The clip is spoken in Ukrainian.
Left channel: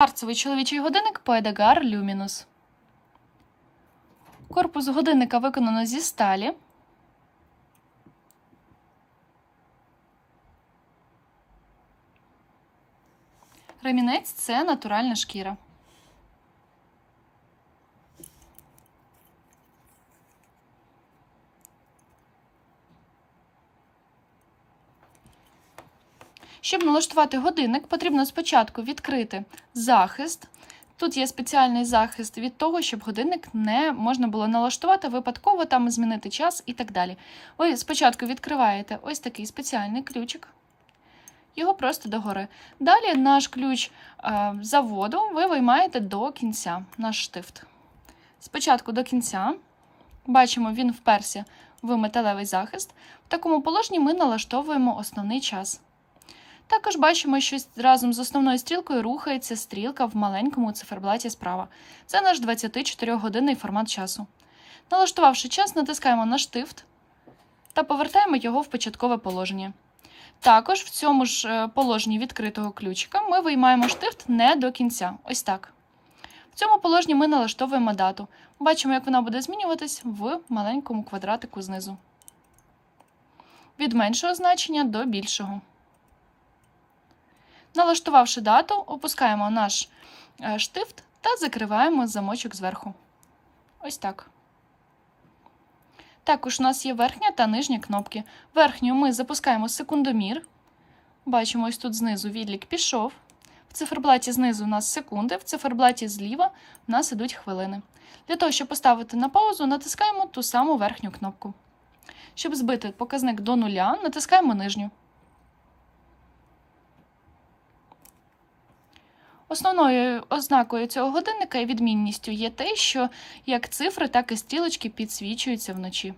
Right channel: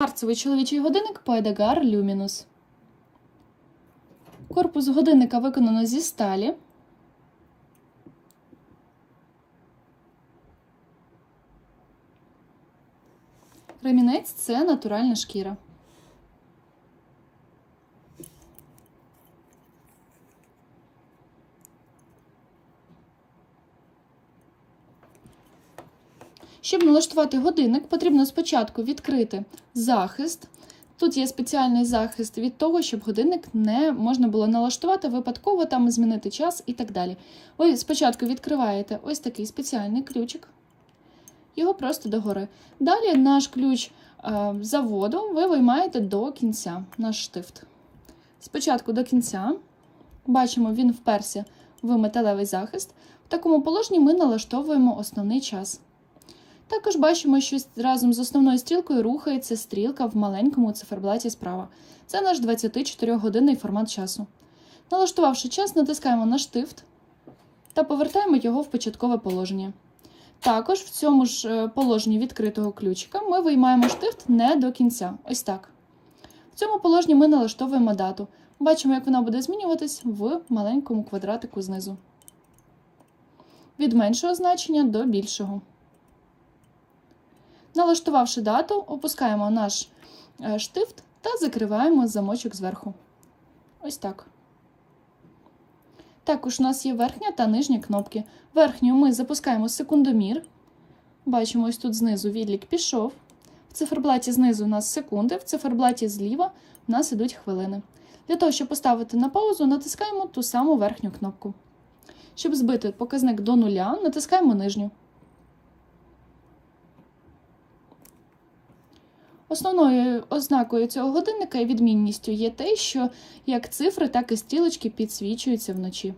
Кварцевий чоловічий годинник Poedagar Люмінус. Корпус годинника виконано зі сталі. Ремінець це натуральна шкіра. Щоб налаштувати годинник, потрібно спочатку відкрити захист. Тут є спеціальний захист від того, щоб годинник не можна було налаштувати випадково, там змінити час і так далі. Ви спочатку відкриваєте ось такий спеціальний ключик, його просто догори. Далі наш ключ е, заводу ви виймаєте до кінця, наш штифт. Спочатку до кінця, бачимо, він вперся в металевий захист. В такому положенні ми налаштовуємо основний час. Також бачимо, що разом з основною стрілкою рухається стрілка в маленькому циферблаті справа. Це наш 24-годинний формат часу. Налаштувавши час, натискаємо на штифт та повертаємо його в початкове положення. Також в цьому ж е, положенні відкритого ключика ми виймаємо штифт не до кінця. Ось так. В цьому положенні ми налаштовуємо дату. Бачимо, як вона буде змінюватись в маленькому квадратику знизу. Від меншого значення до більшого. Налаштувавши дату, опускаємо наш е, штифт та закриваємо замочок зверху. Ось так. Також у нас є верхня та нижня кнопки. Верхню ми запускаємо секундомір. Бачимо, ось тут знизу відлік пішов. В циферблаті знизу у нас секунди, в циферблаті зліва у нас ідуть хвилини. Для того, щоб поставити на паузу, натискаємо ту саму верхню кнопку. Щоб збити показник до нуля, натискаємо нижню. Основною ознакою цього годинника і відмінністю є те, що як цифри, так і стрілочки підсвічуються вночі.